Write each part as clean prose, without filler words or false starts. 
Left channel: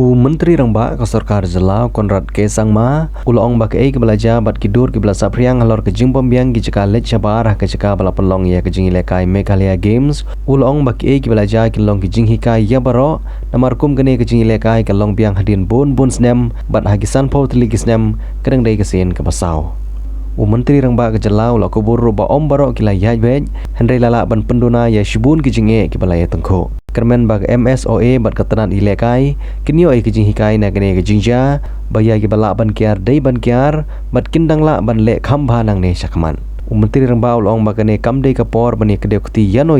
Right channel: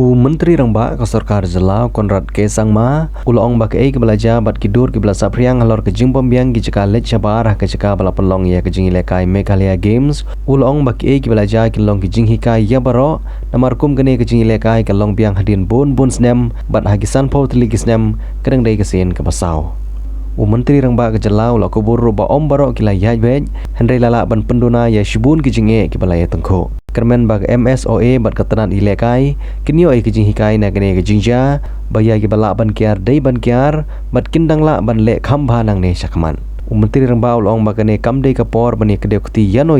Mentri Rangbah ke Sarkar Jelau Konrad Kesang Ma ulong bak ke belajar bat kidur ke belajar priang halor ke jing pembiang ke cekal let cabar ke cekal bala pelong ya ke jing ilekai Meghalaya Games ulong bak ke belajar ke long ke jing hikai ya baro namar kum gene ke jing ilekai ke long biang hadin bon snem bat hagisan pau teli snem kedeng dai ke sen ke pasau. Mentri Rangbah ke Jelau la kubur roba om baro kila yaj bej hendai lala ban penduna ya shibun ke jinge ke balaya tengko. Kermen bag MSOA bat ketenan ilekai kinyo ai kijing hikai na gene ke jingja baya ke bala ban kiar dai ban kiar bat kindang la ban le khamba nang ne sakman. Mentri Rangbah ulong bagane kam dai kapor bani kedekti yano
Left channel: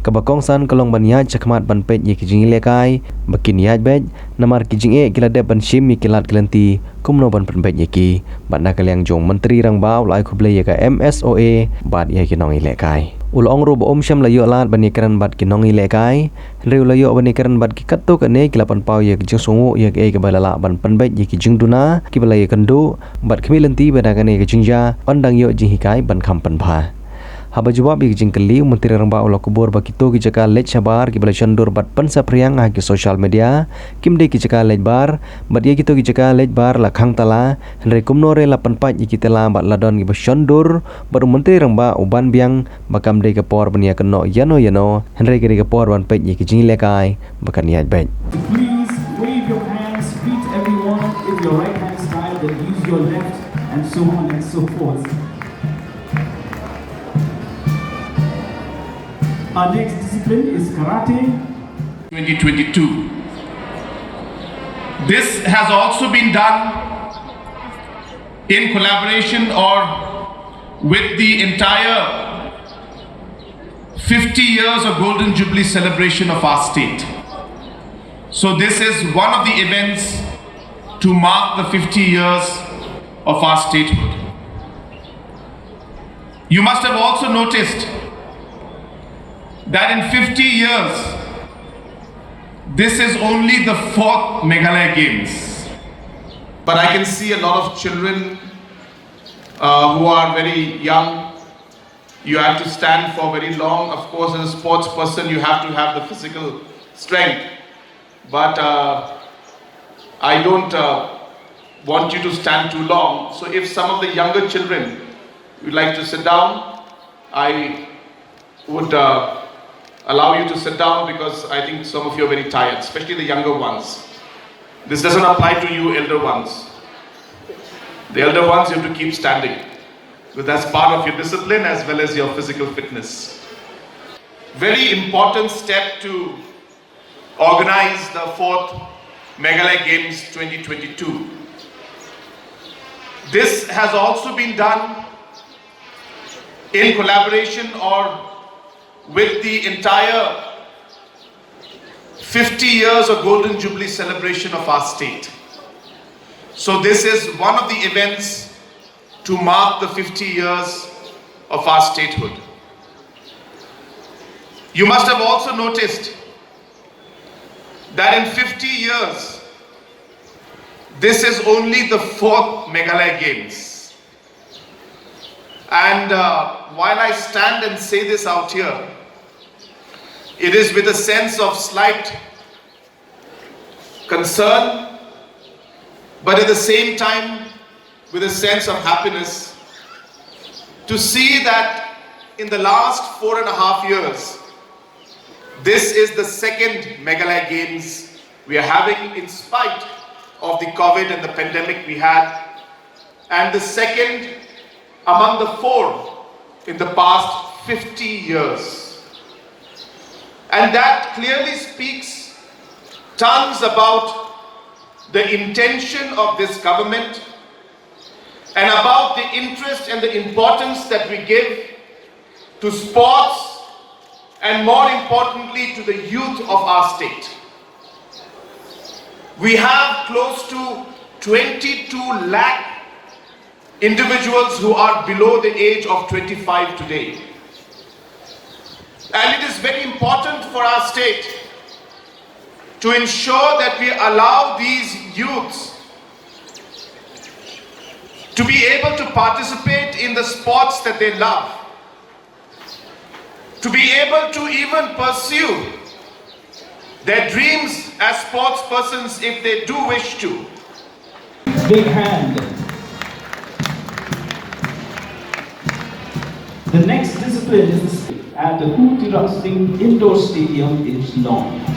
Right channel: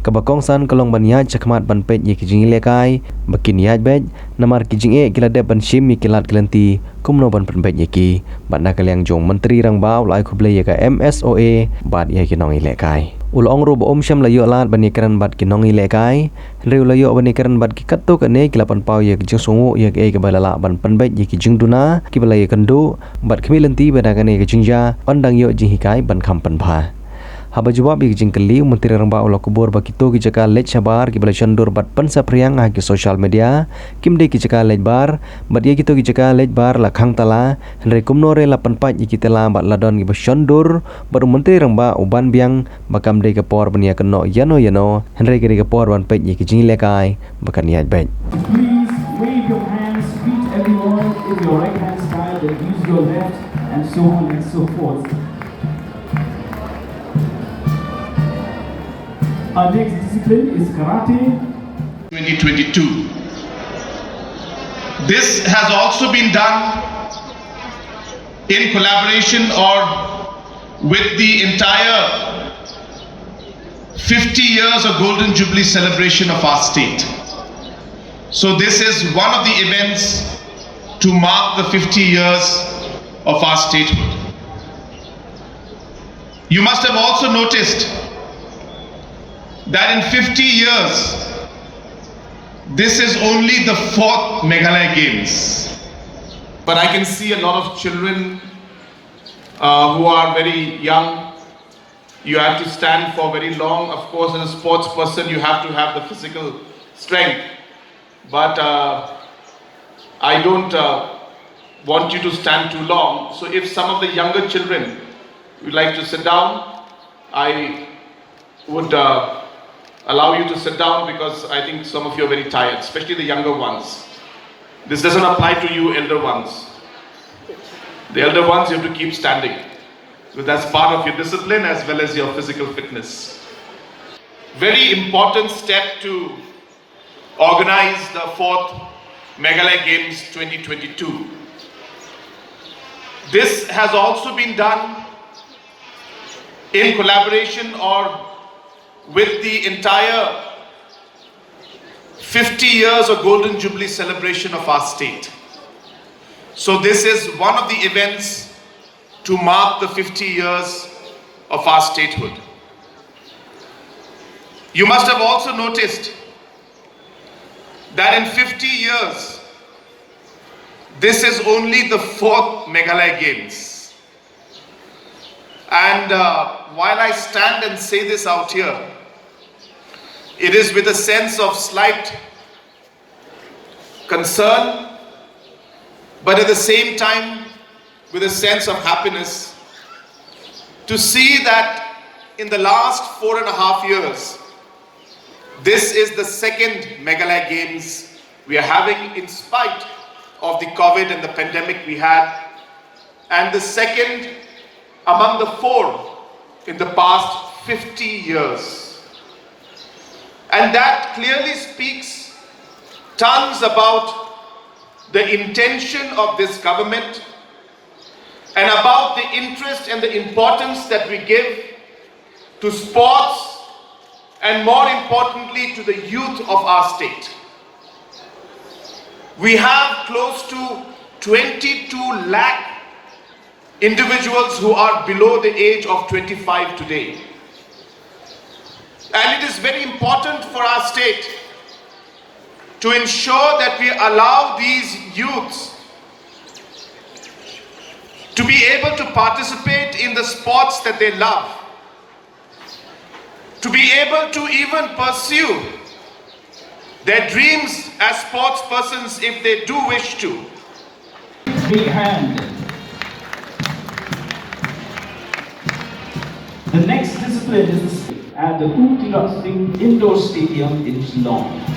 ke Kongsan kalong ban yaj sakmat ban pej ye kijing ilekai bakin yaj bej namar kijing kila de ban shim kilat kelenti kumno ban penpej ye ki bat na kaliang jong Mentri Rangbah ulai kuble ye ka MSOA bat ye kinong ilekai. Ulong robo om syam layo lat bani keran bat kinong ilekai hendai layo bani keran bat ki katuk ane kilapan pau ye kijing sungu ye ke balala ban penbej ye kijing duna ki balai kendu bat kemilenti badagane kijingja pandang yo jing hikai ban kampan pha haba jawab ye kijing keli Mentri Rangbah ulo kubur bakito ki jaka let sabar ki balai chandur bat pansa priang ha ki social media kimde ki jaka let bar bat ye kito ki jaka let bar la khang tala hendai kumno re la panpat ye kitela bat ladon ki basyondur baru Mentri Rangbah uban biang bakam de kapor bania keno yano hendai ki kapor ban pej ye kijing lekai bakan yaj bej. Please wave your hands, greet everyone in your right hand side, then use your left, and so on and so forth. Our next discipline is karate. 2022. This has also been done in collaboration or with the entire 50 years of Golden Jubilee celebration of our state. So this is one of the events to mark the 50 years of our statehood. You must have also noticed that in 50 years, this is only the 4th Meghalaya Games. But I can see a lot of children who are very young. You have to stand for very long. Of course, as a sports person, you have to have the physical strength. But I don't want you to stand too long. So if some of the younger children would like to sit down, I would allow you to sit down because I think some of you are very tired, especially the younger ones. This doesn't apply to you elder ones. The elder ones you have to keep standing because that's part of your discipline as well as your physical fitness. Very important step to organize the 4th Meghalaya Games 2022. This has also been done in collaboration or with the entire 50 years of Golden Jubilee celebration of our state. So this is one of the events to mark the 50 years of our statehood. You must have also noticed that in 50 years, this is only the 4th Meghalaya Games. And while I stand and say this out here, it is with a sense of slight concern, but at the same time with a sense of happiness to see that in the last 4.5 years, this is the 2nd Meghalaya Games we are having in spite of the COVID and the pandemic we had, and the 2nd among the 4 in the past 50 years. And that clearly speaks tons about the intention of this government and about the interest and the importance that we give to sports and more importantly to the youth of our state. We have close to 22 lakh individuals who are below the age of 25 today. And it is very important for our state to ensure that we allow these youths to be able to participate in the sports that they love, to be able to even pursue their dreams as sports persons if they do wish to. Big hand. The next discipline is at the Sdang Indoor Stadium in Sdang.